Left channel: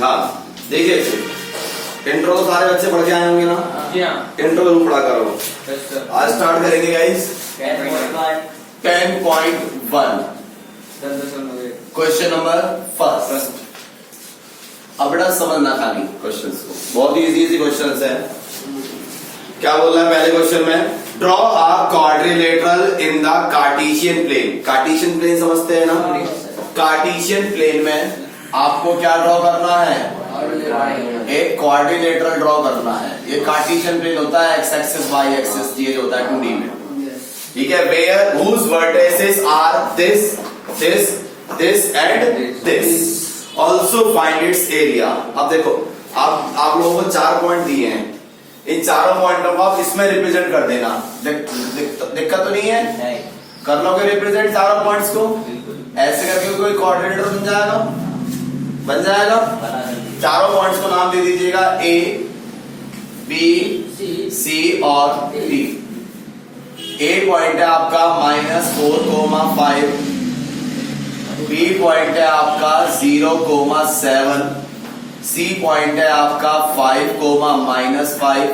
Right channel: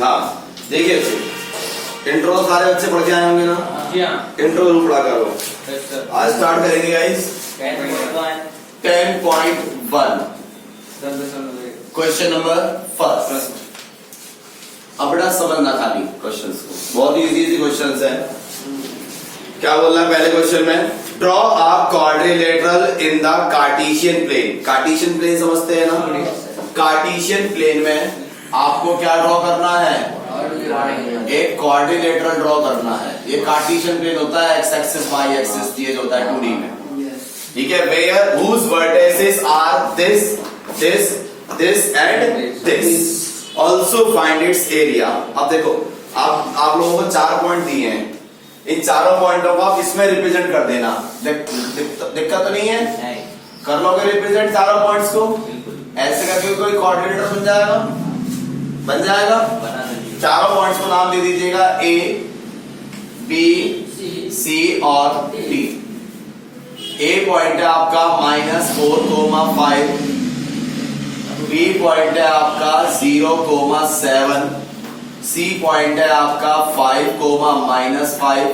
हाँ देखिए, इंट्रो सारे बच्चे पढ़ के आए होंगे ना? जी हाँ। इंट्रो जरूर पढ़ा करो। सर आज स्टार्ट करेंगे गाइस 10.1 क्वेश्चन नंबर फर्स्ट। अब बड़ा समझना था अभी क्वेश्चंस को, बहुत ही इजी क्वेश्चंस है। क्या बोल रहा है पहले क्वेश्चन में? Draw a quadrilateral in the Cartesian plane. Cartesian plane समझते हैं ना? कार्टेशियन प्लेन में आपको क्या ड्रॉ करना है? एक क्वाड्रिलेटरल ड्रॉ करना है। ये कार्टेशियन प्लेन होता है, एक्स एक्सिस वाई एक्सिस, ये होता है 2D में, ठीक है। Where whose vertices are this this this and this, also find its area. अब देखो, आप लोगों को 4 पॉइंट दिए हैं, इन चारों पॉइंटों को आप इसमें रिप्रेजेंट कर देना। दिक्कत तो नहीं है? कर लोगे रिप्रेजेंट चारों पॉइंट्स को? ऐसे करके कोई कोऑर्डिनेटर बन जाएगा, बन जाएगा। चारों पॉइंट्स को नाम दे दीजिएगा ए, बी, सी और डी। ए पॉइंट है आपका -4,5, बी पॉइंट है आपका 0,7, सी पॉइंट है आपका 5,-5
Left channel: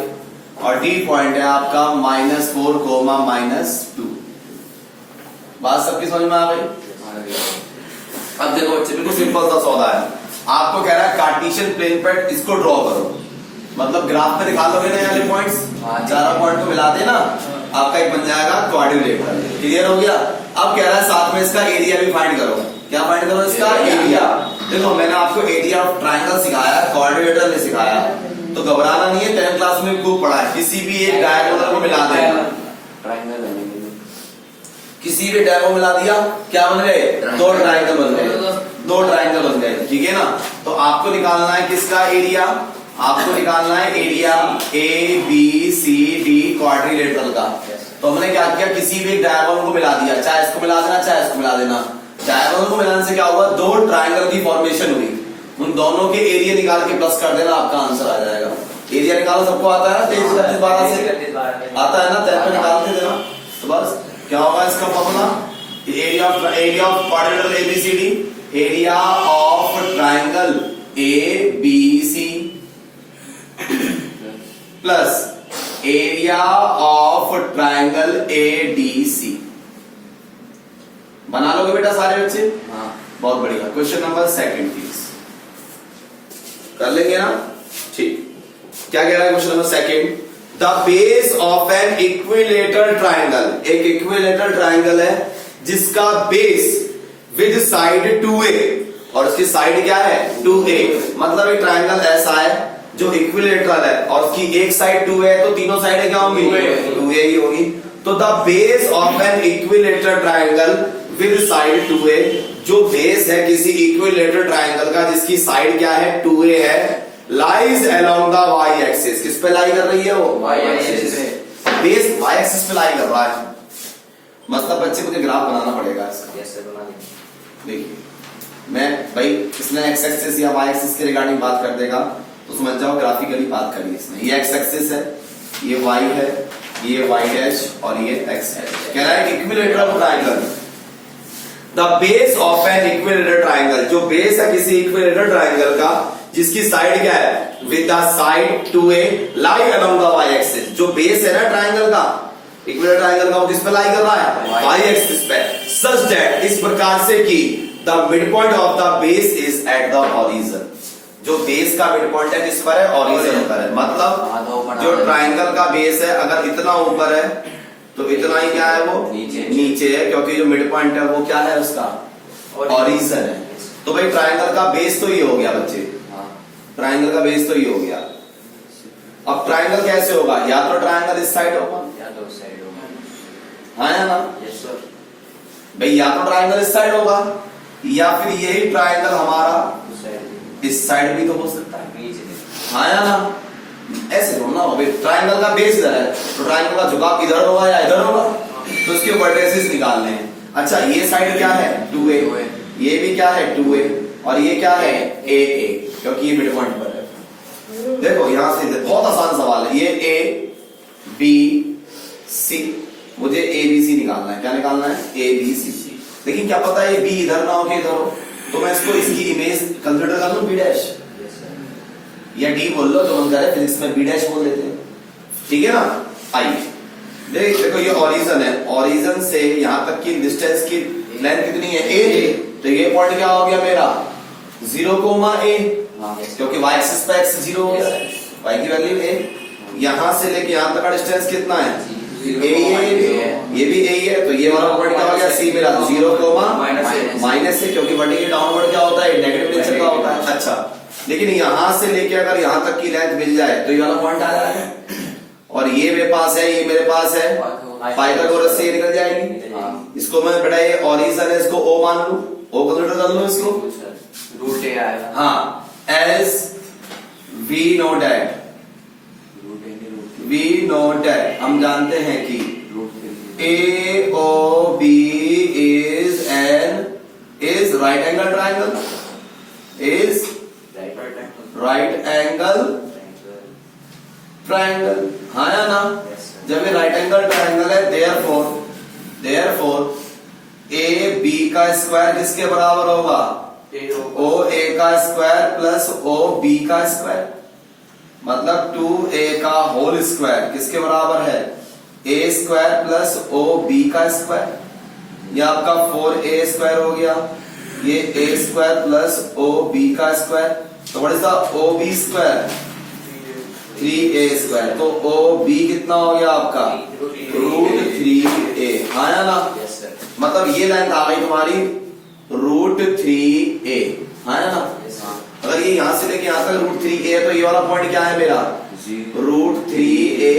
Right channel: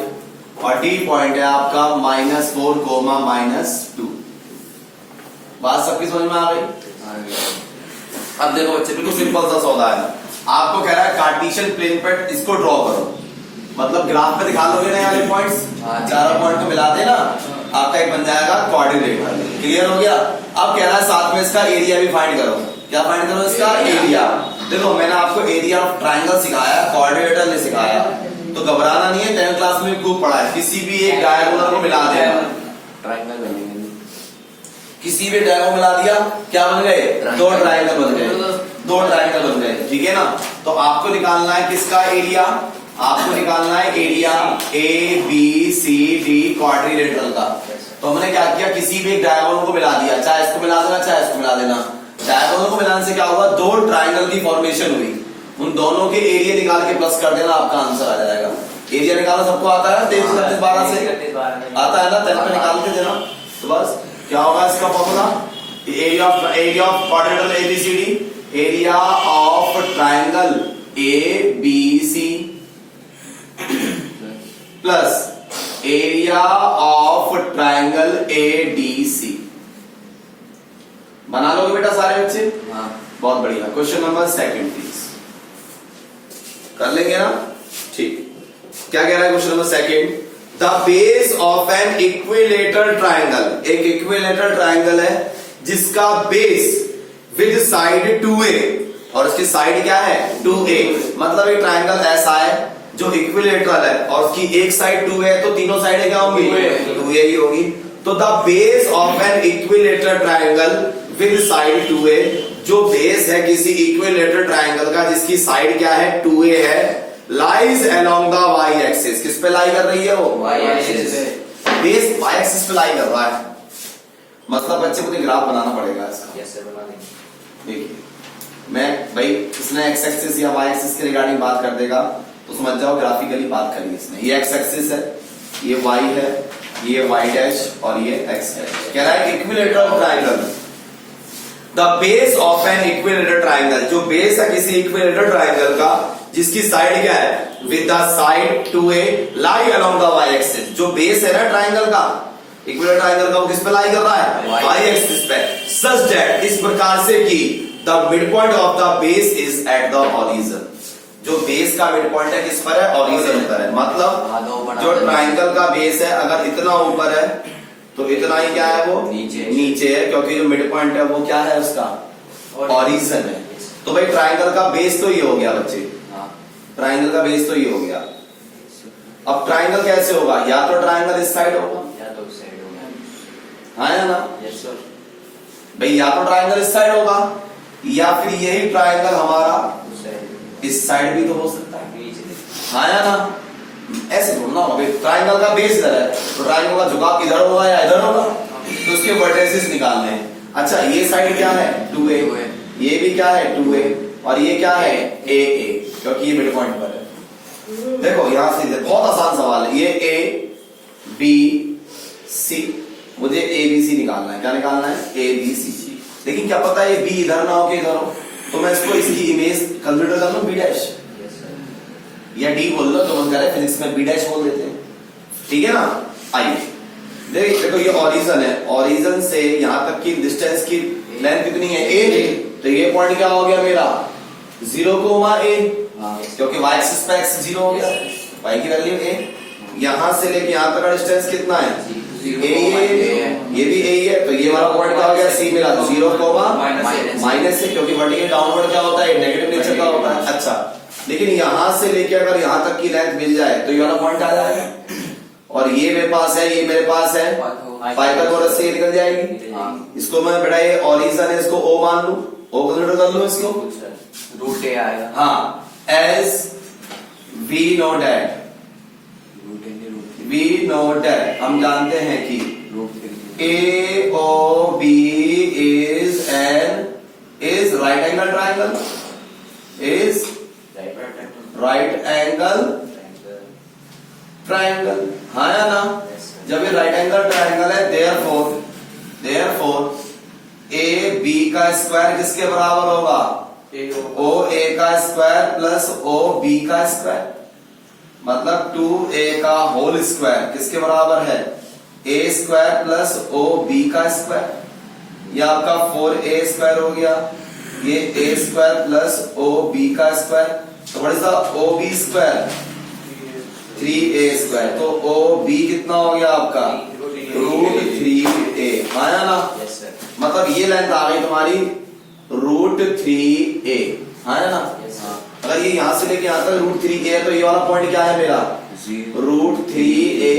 और डी पॉइंट है आपका -4,-2। बात सबकी समझ में आ गई? अब देखो बच्चे, बिल्कुल सिंपल सा सौदा है। आपको कह रहा है कार्टेशियन प्लेन पर इसको ड्रॉ करो, मतलब ग्राफ पे दिखा दोगे ना ये पॉइंट्स, चारों पॉइंट को मिला देना, आपका एक बन जाएगा क्वाड्रिलेटरल। क्लियर हो गया? अब कह रहा है साथ में इसका एरिया भी फाइंड करो। क्या फाइंड करो? इसका एरिया। देखो मैंने आपको एरिया ऑफ ट्राइंगल सिखाया, क्वाड्रिलेटरल नहीं सिखाया, तो घबराना नहीं है। 10th क्लास में खूब पढ़ा है। किसी भी एक डायगोनल को मिला देना, ट्राइंगल बनेंगे। किसी भी डायगोनल मिला दिया, क्या बन गए? 2 ट्राइंगल बन गए, 2 ट्राइंगल बन गए, ठीक है ना। तो आपको निकालना है किसका एरिया? आपको निकालना है area A B C D quadrilateral का। तो हमने क्या किया? किसी भी एक डायगोनल को मिला दिया, चाहे इसको मिला देना चाहे इसको मिला देना। डायगोनल को मिलाने से क्या होगा? 2 ट्राइंगल की फॉर्मेशन हुई, उन दोनों के एरिया निकाल के प्लस कर देना, आपका आंसर आ जाएगा। एरिया निकालना सबको आता है ना? 23, 32, 12 से आता है ना? 10 पे निकाल के देना। तो बस क्या होगा इसका formula? Area of quadrilateral ABCD, area of triangle A B C plus area of triangle A D C. बना लोगे बेटा सारे बच्चे? हाँ, बहुत बढ़िया। क्वेश्चन नंबर 2 प्लीज, कर लेंगे ना? ठीक। क्या कह रहा है question number 2? The base of an equilateral triangle. एक इक्विलेटरल ट्राइंगल है जिसका बेस विद साइड 2a और इसकी साइड क्या है? 2a। मतलब एक ट्राइंगल ऐसा है जो इक्विलेटरल है और उसकी एक साइड 2a है, तो तीनों साइडें क्या होंगी? 2a ही होगी। तो the base of an equilateral triangle with side 2a, जो बेस है किसी इक्विलेटरल ट्राइंगल का जिसकी साइड क्या है? 2a है, lies along the y axis. किस पे लाई कर रही है वो? वाई एक्सिस पे। बेस वाई एक्सिस पे लाई कर रहा है, मतलब बच्चे मुझे ग्राफ बनाना पड़ेगा इसका। देखिए मैं भाई, इसने एक्स एक्सिस या वाई एक्सिस के रिगार्डिंग बात कर देगा तो समझ जाओ ग्राफिकली बात करी इसने। ये एक्स एक्सिस है, ये वाई है, ये वाई डैश और ये एक्स है। कह रहा है equilateral triangle, the base of an equilateral triangle, जो बेस है किसी इक्विलेटरल ट्राइंगल का जिसकी साइड क्या है? With the side 2a lie along the y axis. जो बेस है ना ट्राइंगल का, इक्विलेटरल ट्राइंगल का, वो किस पे लाई कर रहा है? वाई एक्सिस पे। सच दैट, इस प्रकार से कि the mid point of the base is at the origin. जो बेस का मिड पॉइंट है किस पर है? ऑरिजिन पर है। मतलब जो ट्राइंगल का बेस है अगर इतना ऊपर है तो इतना ही क्या है? वो नीचे है, क्योंकि जो मिड पॉइंट है वो क्या है? उसका ऑरिजिन है। तो भाई ट्राइंगल का बेस तो ये हो गया बच्चे, ट्राइंगल का बेस तो ये हो गया। अब ट्राइंगल कैसे होगा? या तो ट्राइंगल इस साइड होगा या तो उस साइड होगा, हाँ या ना? Yes sir. भाई या तो ट्राइंगल इस साइड होगा या फिर यही ट्राइंगल हमारा इस साइड भी तो हो सकता है, हाँ या ना? ऐसे थोड़ा ना हो। ट्राइंगल का बेस इधर है तो ट्राइंगल का झुकाव इधर होगा या इधर होगा, तो उसके वर्टिसेस निकालने हैं। अच्छा ये साइड क्या है? 2a, ये भी क्या है? 2a और ये क्या है? a, क्योंकि ये मिड पॉइंट पर है। देखो यहां से बहुत आसान सवाल है। ये a b c, मुझे a b c निकालना है। क्या निकालना है? a b c। लेकिन क्या पता है बी इधर ना हो कि इधर हो, तो मैं इसको इसकी इमेज कंसिडर कर लूं बी डैश, या डी बोल लो, तो हम कह रहे हैं फिजिक्स में बी डैश बोल देते हैं, ठीक है ना। आइए देखो ये ओरिजिन है, ओरिजिन से यहां तक की डिस्टेंस की लेंथ कितनी है, ए, तो ये पॉइंट क्या हो गया मेरा 0,a, क्योंकि y एक्सिस पे x 0 हो गया, y की वैल्यू a, यहां से लेके यहां तक का डिस्टेंस कितना है, ये भी a है, तो ये वाला पॉइंट क्या हो गया c मेरा 0, माइनस से, क्योंकि वर्टिकल डाउनवर्ड क्या होता है, नेगेटिव नेचर का होता है। अच्छा, लेकिन यहां से लेके अगर यहां तक की लेंथ मिल जाए तो ये वाला पॉइंट आ जाएगा, और ये मेरे पास है, ये मेरे पास है, पाइथागोरस से ये निकल जाएगी, इसको मैं बेटा ये ओरिजिन है, इसको o मान लूं, o कंसीडर कर लूं इसको, रूट ए आएगा। हाँ, as we know that, we know that, हम जानते हैं कि A O B is right angle triangle, is right angle triangle, हाँ या ना। जब ये राइट एंगल ट्राइंगल है, देयरफॉर ए बी का स्क्वायर किसके बराबर होगा, ओ ए का स्क्वायर प्लस ओ बी का स्क्वायर, मतलब 2a का होल स्क्वायर किसके बराबर है, a square plus O B का स्क्वायर, ये आपका 4a स्क्वायर हो गया, ये a square plus O B का स्क्वायर, तो what is the O B square, 3a square, तो ओ बी कितना हो गया आपका √3a, हाँ या ना। मतलब ये लेंथ आ गई तुम्हारी √3a, हाँ या ना। अगर ये यहां से लेके यहां तक √3a है, तो ये वाला पॉइंट क्या है मेरा √3a,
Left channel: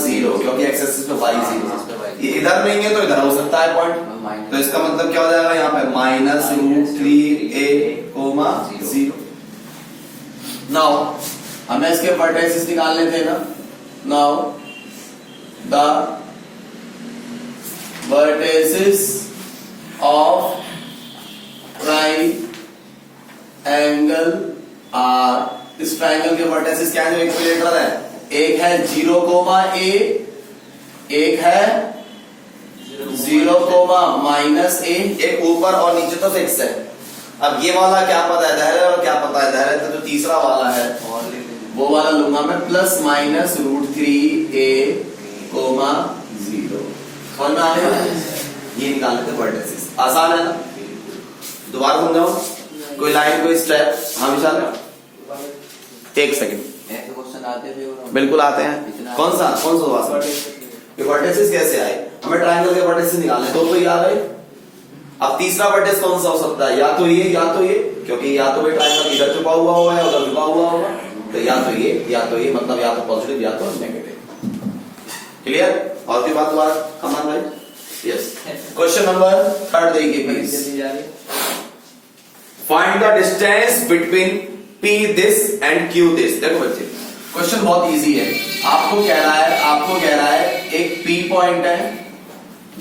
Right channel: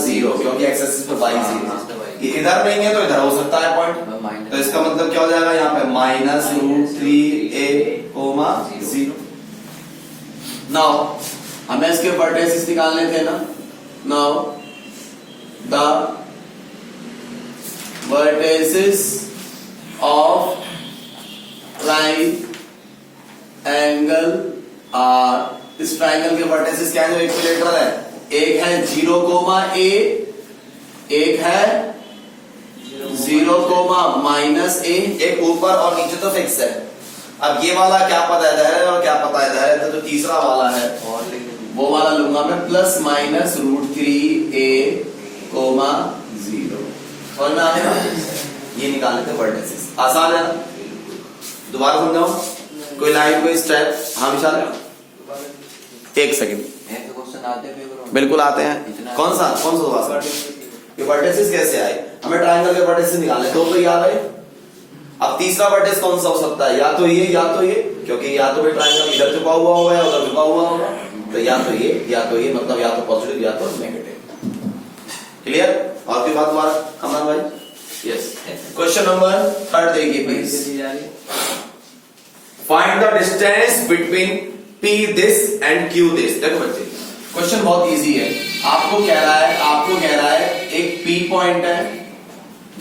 0, क्योंकि एक्स एक्सिस पे y 0, ये इधर नहीं है तो इधर हो सकता है पॉइंट, तो इसका मतलब क्या हो जाएगा यहाँ पे -√3a, 0। नाउ हमें इसके वर्टिसेस निकालने थे ना, now the vertices of triangle are, इस ट्राइंगल के वर्टिसेस क्या है, इक्विलेटरल है, एक है 0,a, एक है 0,-a, एक ऊपर और नीचे तो फिक्स है। अब ये वाला क्या पता है, इधर है, और क्या पता है इधर है, तो जो तीसरा वाला है वो वाला लूंगा मैं +- √3a, 0, समझ में आ गया। ये निकालने थे वर्टिसेस, आसान है ना। दोबारा समझाओ, कोई लाइन कोई स्टेप, हाँ विशाल, एक सेकंड, क्वेश्चन आते हैं, बिल्कुल आते हैं, कौन सा ये वर्टिसेस कैसे आए, हमें ट्राइंगल के वर्टिसेस निकालने, तो ये आ गए। अब तीसरा वर्टिस कौन सा हो सकता है, या तो ये या तो ये, क्योंकि या तो ये ट्राइंगल इधर झुका हुआ होगा या उधर झुका हुआ होगा, तो या तो ये मतलब या तो पॉजिटिव या तो नेगेटिव। क्लियर, और कोई बात दोबारा अमन भाई, यस। क्वेश्चन नंबर 3 देखिए please, find the distance between P this and Q this। देखो बच्चे, क्वेश्चन बहुत इजी है, आपको कह रहा है एक P पॉइंट है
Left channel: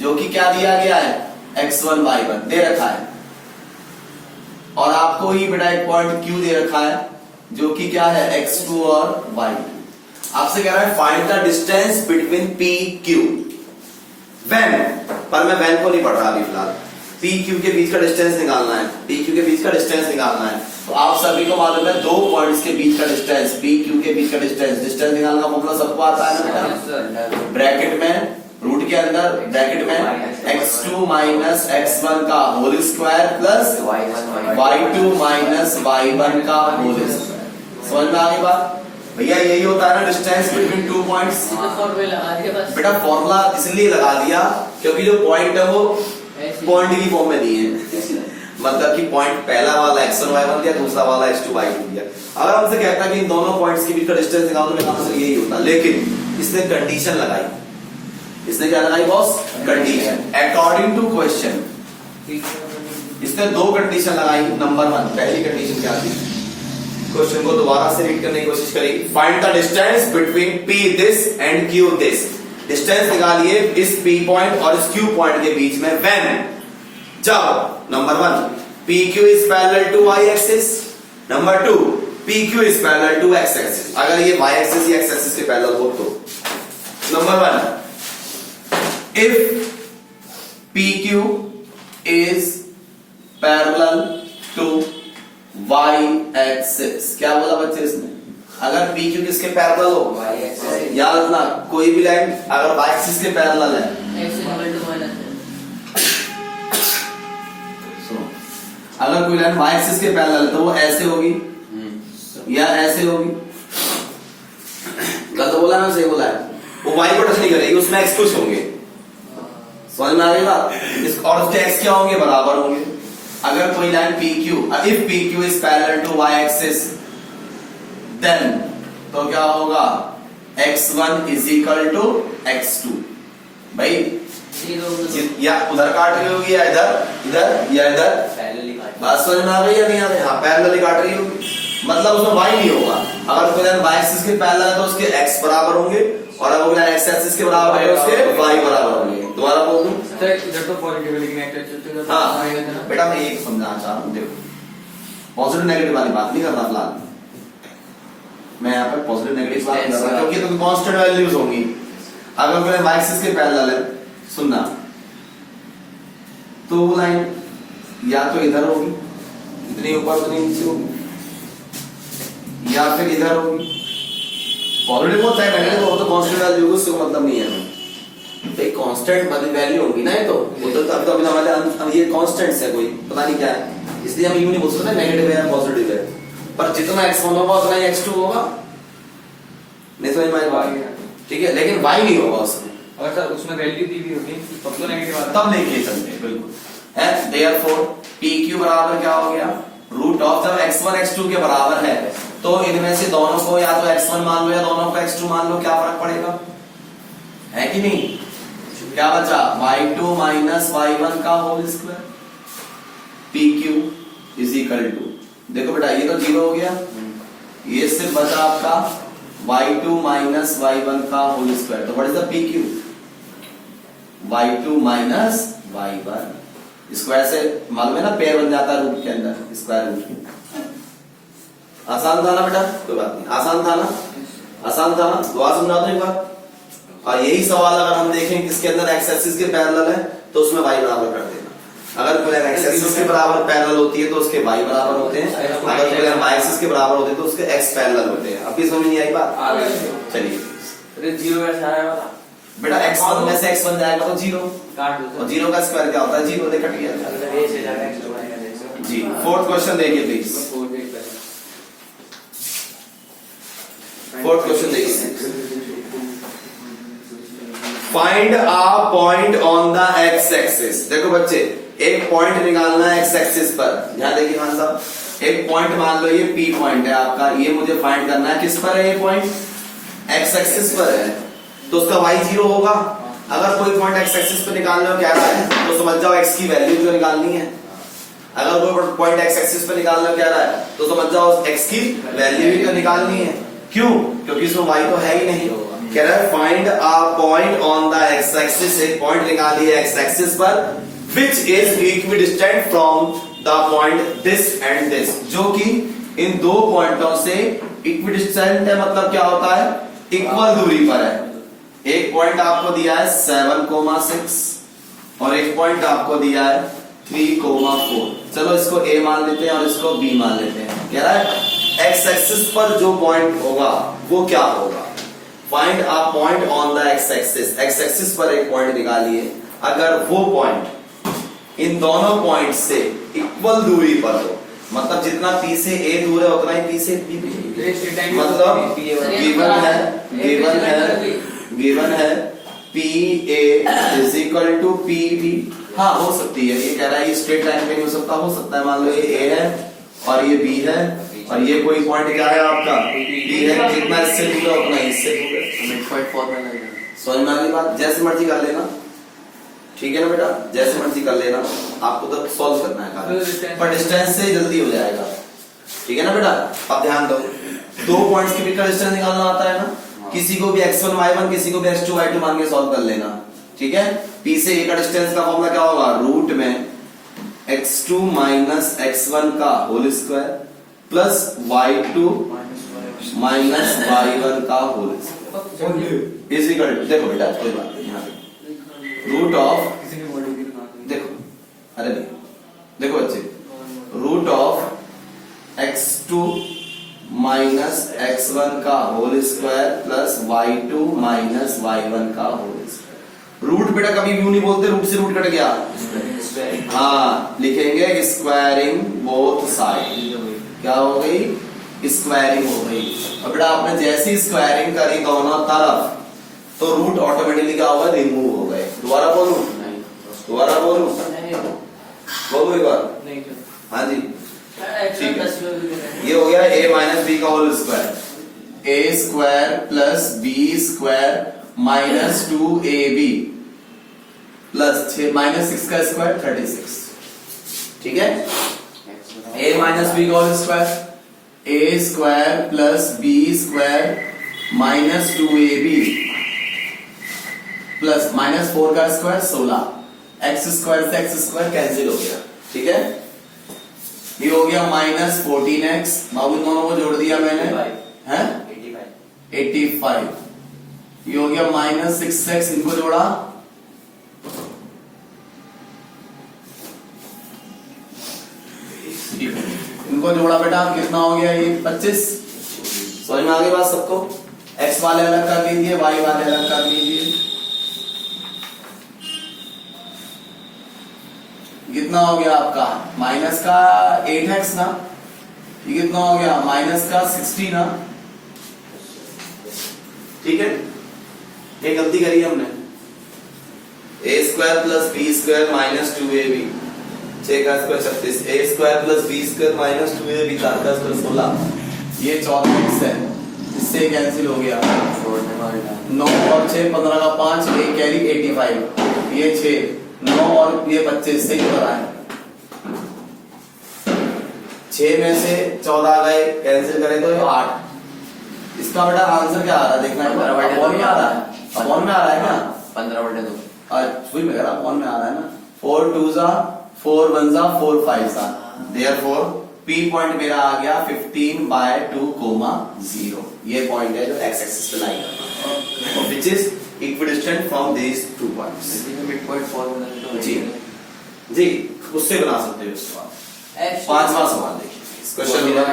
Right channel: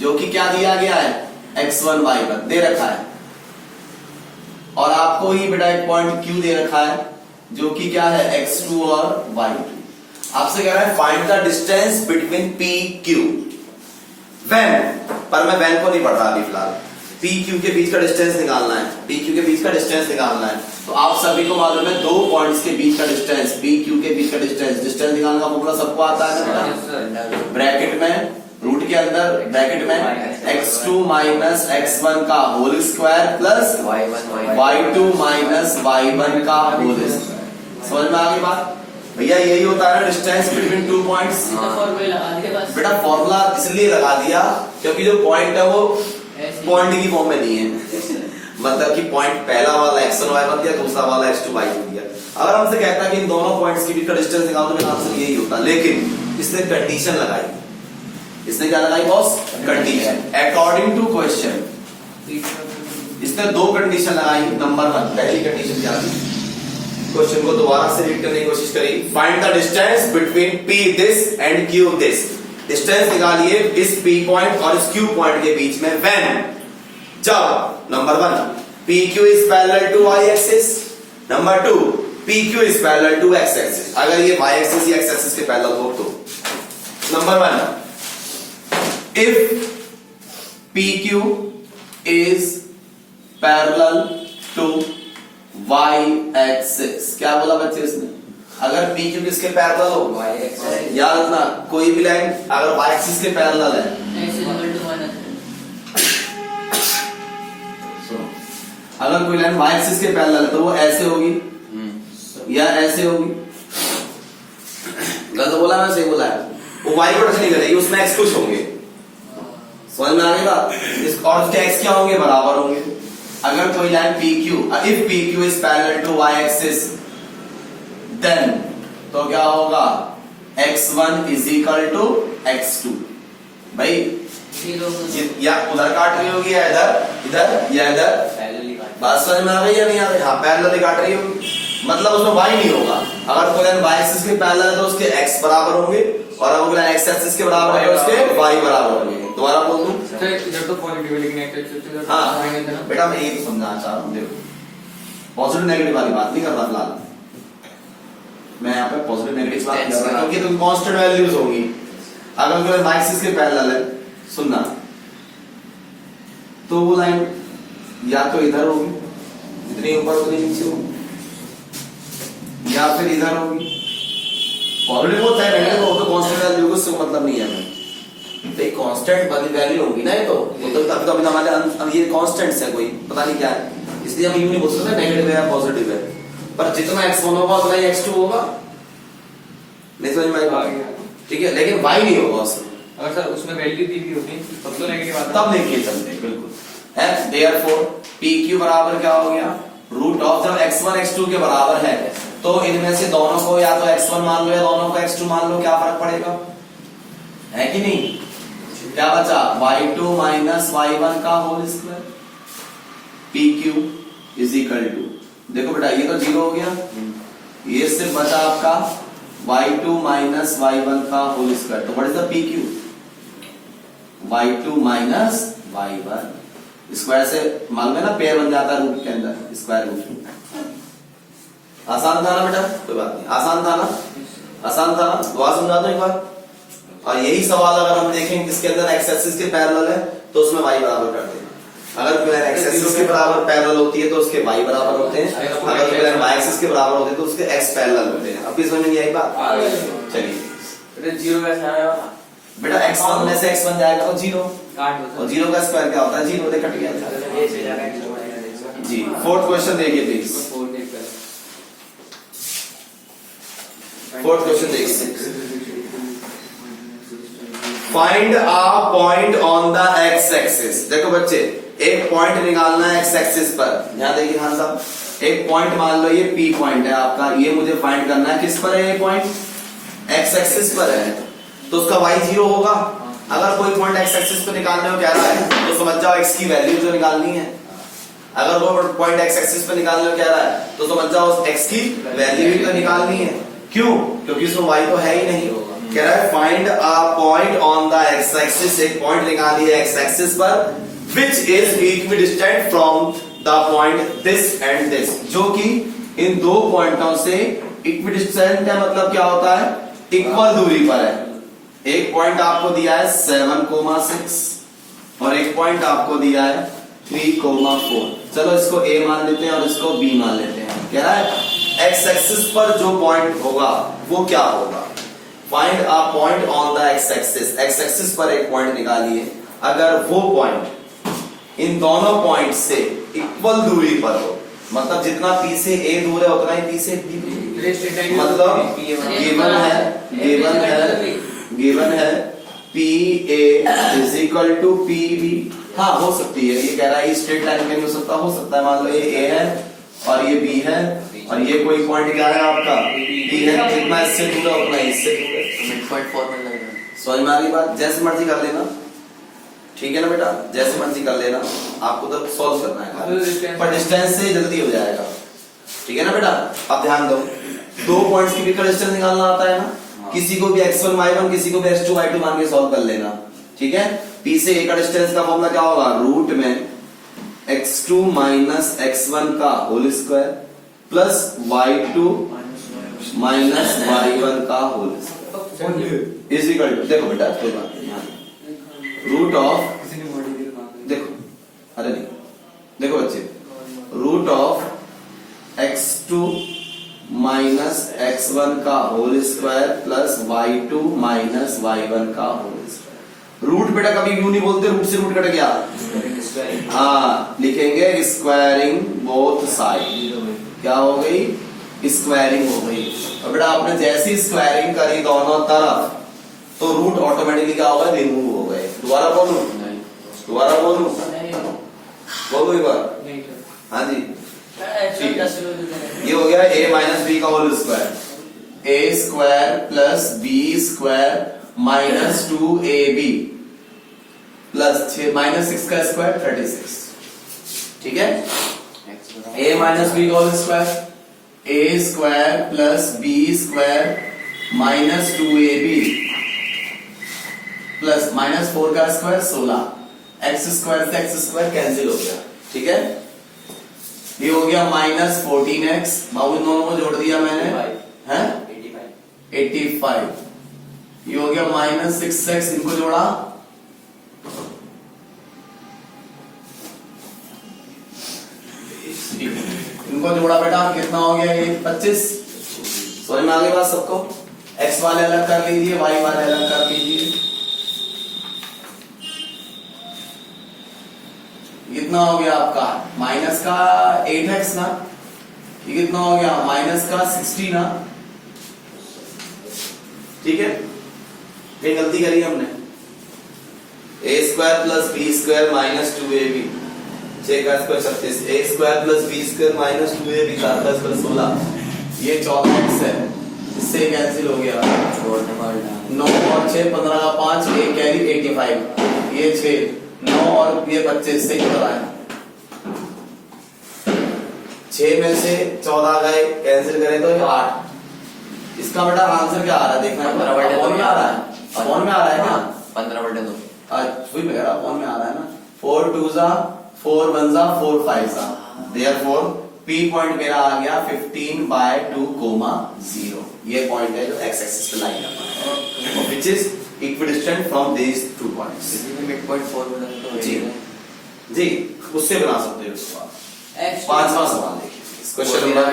जो कि क्या दिया गया है, x1 y1 दे रखा है, और आपको ही बेटा एक पॉइंट Q दे रखा है जो कि क्या है, x2 और y2। आपसे कह रहा है find the distance between P Q when, पर मैं व्हेन को नहीं पढ़ रहा अभी फिलहाल, P Q के बीच का डिस्टेंस निकालना है, P Q के बीच का डिस्टेंस निकालना है। तो आप सभी को मालूम है दो पॉइंट्स के बीच का डिस्टेंस, P Q के बीच का डिस्टेंस निकालने का फॉर्मूला सबको आता है ना, ब्रैकेट में, रूट के अंदर ब्रैकेट में x2 माइनस x1 का whole square plus y2 minus y1 का होल स्क्वायर। समझ में आ गई बात भैया, यही होता है ना डिस्टेंस बिटवीन टू पॉइंट्स। बेटा फॉर्मूला इसलिए लगा दिया क्योंकि जो पॉइंट है वो पॉइंट की फॉर्म में नहीं है, मतलब कि पॉइंट पहला वाला x1 y1 दिया, दूसरा वाला x2 y2 दिया। अगर हमसे कहता है कि इन दोनों पॉइंट्स के बीच का डिस्टेंस निकालो, तो मेरा आंसर यही होता, लेकिन इसने कंडीशन लगाई, इसने क्या लगाई boss, condition, according to question. इसने दो कंडीशन लगाई, नंबर 1 पहली कंडीशन क्या थी, क्वेश्चन को दोबारा से रीड करने की कोशिश करिए, find the distance between P this and Q this. Distance निकालिए इस P पॉइंट और इस Q पॉइंट के बीच में व्हेन, जब number 1 PQ is parallel to y axis, number 2 PQ is parallel to x axis. अगर ये y एक्सिस या x एक्सिस के पैरेलल हो तो number 1 if PQ is parallel to y axis. क्या बोला बच्चे इसने? अगर पी क्यू किसके पैरेलल हो, याद रखना कोई भी लाइन अगर वाई एक्सिस के पैरेलल है, सुनो, अगर कोई लाइन वाई एक्सिस के पैरेलल है तो वो ऐसे होगी या ऐसे होगी। गलत बोला ना सही बोला है? वो वाई को टच नहीं करेगी, उसमें एक्स कुछ होंगे। समझ में आ गई बात? और उसके एक्स क्या होंगे, बराबर होंगे। अगर कोई line P Q, if P Q is parallel to y axis then तो क्या होगा, x1 is equal to x2। भाई या उधर काट रही होगी या इधर, इधर या इधर। बात समझ में आ रही है नहीं आ रही? हाँ, पैरेलल काट रही होगी, मतलब उसमें y नहीं होगा। अगर कोई लाइन y एक्सिस के पैरेलल है तो उसके x बराबर होंगे, और अगर कोई लाइन x एक्सिस के बराबर है तो उसके y बराबर होंगे। दोबारा बोल दूं? हाँ बेटा, मैं एक समझाना चाह रहा हूँ, देखो पॉजिटिव नेगेटिव वाली बात नहीं करना फिलहाल, मैं यहाँ पे पॉजिटिव नेगेटिव बात कर रहा हूँ क्योंकि तुम कांस्टेंट वैल्यूज होंगी। अगर कोई लाइन y एक्सिस के पैरेलल है, सुनना, तो वो लाइन या तो इधर होगी, इतनी ऊपर उतनी नीचे होगी, या फिर इधर होगी। पॉजिटिव होता है नेगेटिव हो तो कांस्टेंट वैल्यू होगी, उससे मतलब नहीं है भाई, तो कांस्टेंट वाली वैल्यू होगी ना। ये तो तब तो हमारे ये कांस्टेंट्स है, कोई पता नहीं क्या है, इसलिए हम यूं नहीं बोल सकते नेगेटिव है या पॉजिटिव है। पर जितना x1 होगा उतना ही x2 होगा, नहीं समझ में आएगा? ठीक है, लेकिन y नहीं होगा उसमें। अगर सर उसमें वैल्यू दी भी होती तब तो नेगेटिव आता, तब नहीं खेल सकते, बिल्कुल है। देयरफॉर PQ बराबर क्या हो गया, रूट ऑफ, जब x1 x2 के बराबर है तो इनमें से दोनों को या तो x1 मान लो या दोनों को x2 मान लो, क्या फर्क पड़ेगा, है कि नहीं? क्या बचा, y2 माइनस y1 का whole square. PQ is equal to, देखो बेटा ये तो 0 हो गया, ये सिर्फ बचा आपका y2 माइनस y1 का होल स्क्वायर। तो what is the PQ, y2 minus y1 square से मालूम है ना, पेयर बन जाता है रूट के अंदर, स्क्वायर रूट। आसान था ना बेटा? कोई बात नहीं, आसान था ना, आसान था ना? दोबारा समझा दो एक बार। और यही सवाल अगर हम देखें किसके अंदर एक्स एक्सिस के पैरेलल है तो उसमें y बराबर कर देना। अगर कोई एक्स एक्सिस के बराबर पैरेलल होती है तो उसके y बराबर होते हैं, अगर कोई y एक्सिस के बराबर होते हैं तो उसके x पैरेलल होते हैं। अब समझ नहीं आई बात? चलिए, 0 कैसे आया बेटा x1 में से x बन जाएगा तो 0, और 0 का स्क्वायर क्या होता है, 0 से कट गया जी। फोर्थ क्वेश्चन देखिए प्लीज, फोर्थ क्वेश्चन देखिए। Find a point on the x axis. देखो बच्चे, एक पॉइंट निकालना है एक्स एक्सिस पर। यहां देखिए मान साहब, एक पॉइंट मान लो ये P पॉइंट है आपका, ये मुझे फाइंड करना है किस पर है, ये पॉइंट एक्स एक्सिस पर है, तो उसका y 0 होगा। अगर कोई पॉइंट एक्स एक्सिस पर निकालने को कह रहा है तो समझ जाओ x की वैल्यू जो निकालनी है। अगर कोई पॉइंट एक्स एक्सिस पर निकालने को कह रहा है तो समझ जाओ x की वैल्यू भी तो निकालनी है। क्यों? क्योंकि इसमें y तो है ही नहीं। कह रहा है find a point on the x axis, एक पॉइंट निकालिए एक्स एक्सिस पर which is equidistant from the point this and this, जो कि इन दो पॉइंटों से इक्विडिस्टेंट है। मतलब क्या होता है, इक्वल दूरी पर है। एक पॉइंट आपको दिया है 7,6 और एक पॉइंट आपको दिया है 3,4। चलो इसको A मान लेते हैं और इसको B मान लेते हैं। कह रहा है एक्स एक्सिस पर जो पॉइंट होगा वो क्या होगा, find a point on the x axis. X axis पर एक पॉइंट निकालिए, अगर वो पॉइंट इन दोनों पॉइंट से इक्वल दूरी पर हो, मतलब जितना P से A दूर है उतना ही P से B दूर, मतलब गिवन है PA is equal to PB। हाँ हो सकती है, ये कह रहा है स्ट्रेट लाइन में नहीं हो सकता है। मान लो ये A है और ये B है और ये कोई पॉइंट क्या है आपका B है, जितना इससे दूर है उतना इससे दूर है। समझ में आ गई बात? जैसे मर्जी कर लेना, ठीक है ना बेटा, जैसे मर्जी कर लेना, आपको तो सॉल्व करना है पर डिस्टेंस से जल्दी हो जाएगा। ठीक है ना बेटा? अब ध्यान दो, दो पॉइंट्स के बीच का डिस्टेंस निकालना आता है ना, किसी को भी x1 y1 किसी को भी x2 y2 मान के सॉल्व कर लेना। ठीक है, P से A का डिस्टेंस का फॉर्मूला क्या होगा, रूट में x2 माइनस x1 का whole square plus y2 minus y1 का whole square is equal to, देखो बेटा कोई बात नहीं, यहाँ रूट ऑफ, देखो अरे नहीं x2 माइनस x1 का whole square plus y2 minus y1 का होल स्क्वायर। रूट बेटा कभी यूं नहीं बोलते, रूट से रूट कट गया। हाँ लिखेंगे स्क्वायरिंग बोथ साइड। क्या हो गई? स्क्वायरिंग हो गई। और बेटा आपने जैसी स्क्वायरिंग करी दोनों तरफ तो रूट ऑटोमेटिकली क्या होगा? रिमूव हो गए। दोबारा बोलूं? दोबारा बोलूं? बोलो एक बार। हाँ जी ठीक है। ये हो गया a माइनस बी का whole square, A square plus B square minus 2ab plus minus 6 का स्क्वायर 36। ठीक है। a माइनस बी का whole square, A square plus B square minus 2ab plus minus 4 का स्क्वायर 16। एक्स स्क्वायर से X square cancel हो गया। ठीक है। ये हो गया माइनस 14x, बाबू दोनों को जोड़ दिया मैंने, है 85। ये हो गया माइनस 6x, इनको जोड़ा, इनको जोड़ा बेटा कितना हो गया? ये 25। समझ में आ गई बात सबको? x वाले अलग कर लीजिए, y वाले अलग कर लीजिए। कितना हो गया आपका? माइनस का 8x ना, ये कितना हो गया? माइनस का 60 ना। ठीक है। ये गलती करी हमने, A square plus B square minus 2ab, 6 का square 36, A square plus B square minus 2ab, 4 का स्क्वायर 16। ये 14x है, इससे कैंसिल हो गया। 9 और 6 15 का 5, एक कैरी 85, ये 6 9 और ये 25 से कितना है? 6 में से 14 गए, कैंसिल करें तो ये 8। इसका बेटा आंसर क्या आ रहा है देखना है। अपॉन में आ रहा है, अपॉन में आ रहा है क्या? 15/2 सुई में अपॉन में आ रहा है ना। 4 2 जा 4 1 जा 4 5 जा, देयरफॉर P पॉइंट मेरा आ गया 15/2, 0। ये पॉइंट है जो एक्स एक्सिस पे लाई करना है, which is equidistant from these 2 points. जी जी उससे बना सकते हो इसको आप। 5वां सवाल देखिए, क्वेश्चन नंबर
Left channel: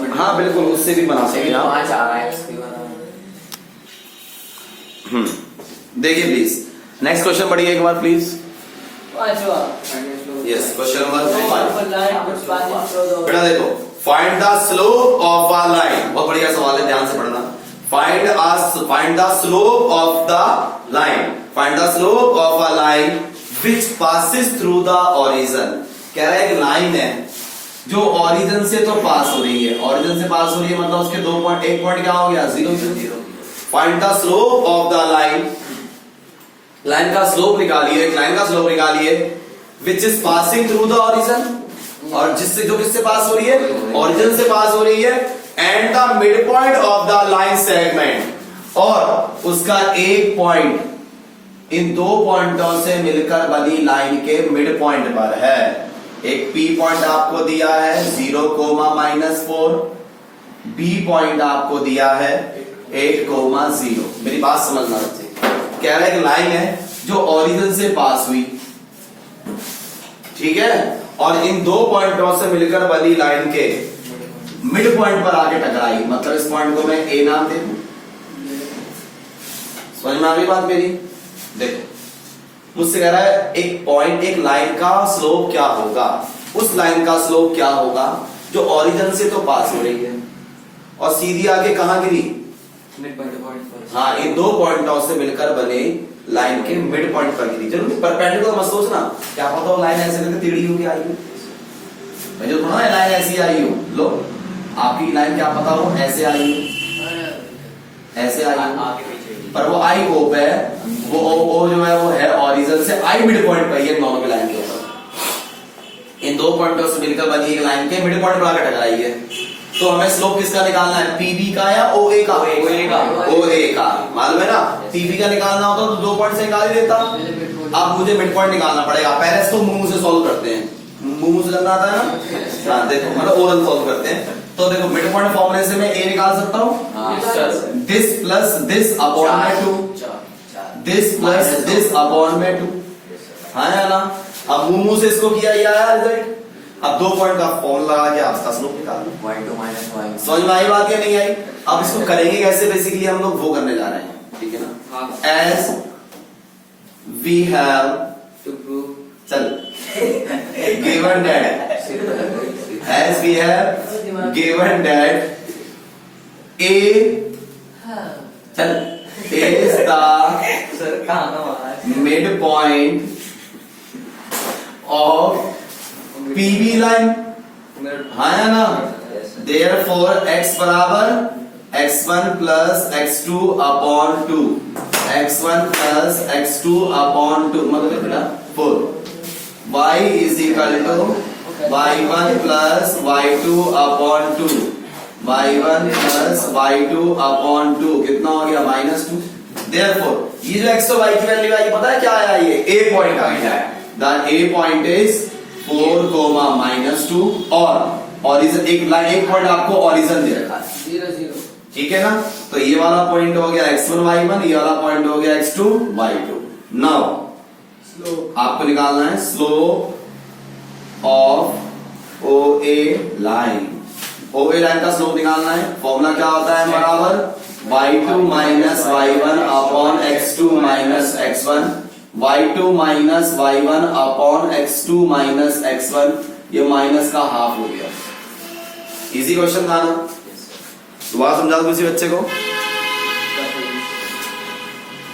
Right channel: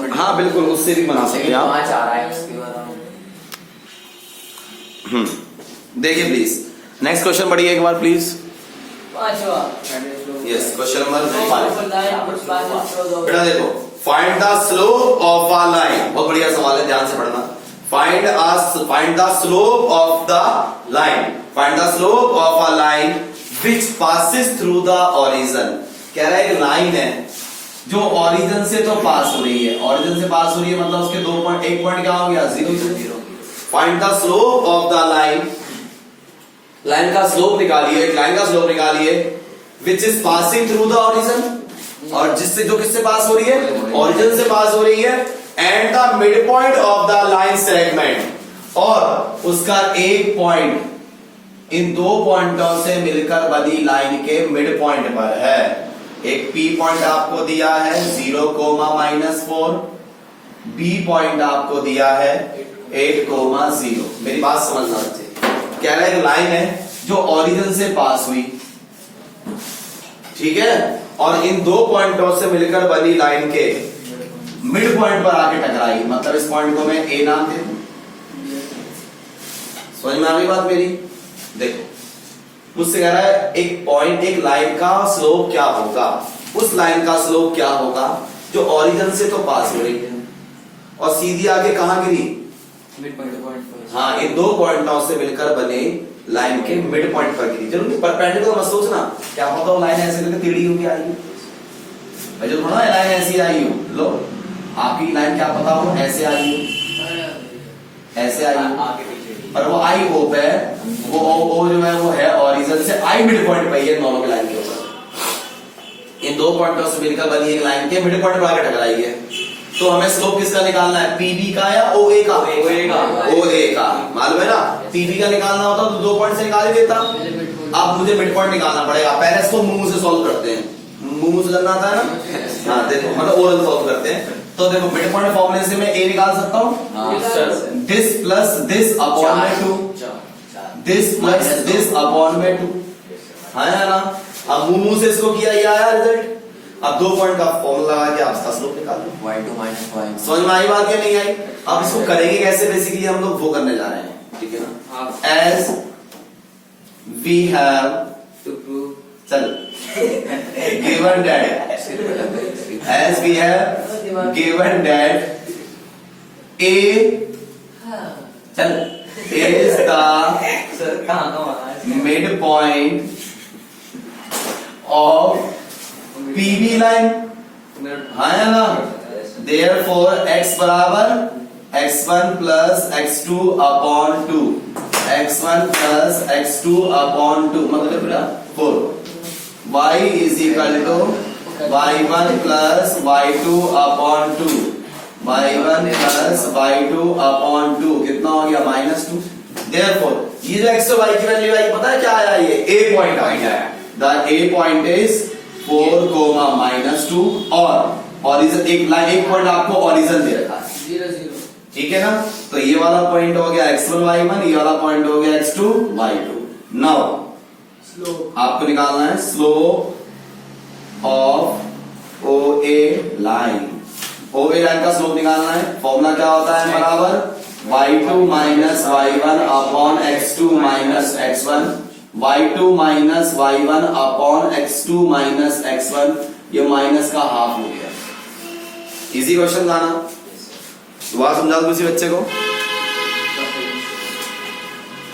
5। हाँ बिल्कुल उससे भी बना सकते हैं आप। देखिए प्लीज नेक्स्ट क्वेश्चन पढ़िए एक बार प्लीज। Yes question number 5। बेटा देखो, find the slope of a line. बहुत बढ़िया सवाल है, ध्यान से पढ़ना। Find the slope of the line, find the slope of a line which passes through the origin. कह रहा है एक लाइन है जो ओरिजिन से तो पास हो रही है, ओरिजिन से पास हो रही है मतलब उसके 2 पॉइंट, एक पॉइंट क्या हो गया? 0 0। Find the slope of the line, line का स्लोप निकालिए, एक लाइन का स्लोप निकालिए which is passing through the origin, और जिससे जो किससे पास हो रही है? ओरिजिन से पास हो रही है। And the mid point of the line segment, और उसका एक पॉइंट इन 2 पॉइंटों से मिलकर बनी लाइन के मिड पॉइंट पर है। एक P पॉइंट आपको दिया है 0, -4, B पॉइंट आपको दिया है 8, 0। मेरी बात समझना बच्चे, कह रहा है एक लाइन है जो ओरिजिन से पास हुई, ठीक है, और इन 2 पॉइंटों से मिलकर बनी लाइन के मिड पॉइंट पर आके टकराई, मतलब इस पॉइंट को मैं A नाम दे दूं। समझ में आ गई बात मेरी? देखो मुझसे कह रहा है एक पॉइंट, एक लाइन का स्लोप क्या होगा, उस लाइन का स्लोप क्या होगा जो ओरिजिन से तो पास हो रही है और सीधी आगे कहां गिरी? हाँ, इन 2 पॉइंटों से मिलकर बने लाइन के मिड पॉइंट पर गिरी। जरूर परपेंडिकुलर मत सोचना, क्या पता वो लाइन ऐसे लेकर टेढ़ी होगी आई हो, मैं जो थोड़ा लाइन ऐसी आई हो, लो आपकी लाइन क्या पता वो ऐसे आई हो, ऐसे आई हो, पर वो आई ओ पे, वो जो है वो है ओरिजिन से आई मिड पॉइंट पे, ये दोनों की लाइन के ऊपर इन 2 पॉइंटों से मिलकर बनी एक लाइन के मिड पॉइंट पर आकर टकराई है। तो हमें स्लोप किसका निकालना है? पीबी का या ओए का? ओए का मालूम है ना, पीबी का निकालना होता तो 2 पॉइंट से निकाल ही देता। अब मुझे मिड पॉइंट निकालना पड़ेगा, पहले इसको मुंह से सॉल्व करते हैं, मुंह से करना आता है ना। हाँ देखो, मतलब ओरल सॉल्व करते हैं। तो देखो मिड पॉइंट फॉर्मूले से मैं ए निकाल सकता हूँ, दिस प्लस दिस अपॉन में 2, दिस प्लस दिस अपॉन में 2, हाँ या ना। अब मुंह से इसको किया, ये आया रिजल्ट। अब 2 पॉइंट का फॉर्मूला लगा के आप इसका स्लोप निकाल लो। y2 minus y समझ में आई बात या नहीं आई? अब इसको करेंगे कैसे, बेसिकली हम लोग वो करने जा रहे हैं, ठीक है ना। हाँ as we have, to prove चल given that, as we have given that A, चल, इज द सर कहाँ का माना mid point of PB line, हाँ या ना। Therefore x बराबर x1 plus x2 upon 2, x1 plus x2 upon 2 मतलब बेटा 4, y is equal to y1 plus y2 upon 2, y1 plus y2 upon 2 कितना हो गया -2। Therefore ये जो x और y की वैल्यू आई पता है क्या आया, ये a पॉइंट आ गया। द a पॉइंट इज 4, -2 और ऑरिजन, एक लाइन, एक पॉइंट आपको ऑरिजन दे रखा है, 0 0 ठीक है ना। तो ये वाला पॉइंट हो गया x1 y1, ये वाला पॉइंट हो गया x2 y2। नाउ स्लोप आपको निकालना है slope of OA line. OA line का स्लोप निकालना है, फॉर्मूला क्या होता है, बराबर y2 minus y1 upon x2 minus x1, y2 minus y1 upon x2 minus x1, ये माइनस का हाफ हो गया। इजी क्वेश्चन था ना, दोबारा समझा दो किसी बच्चे को।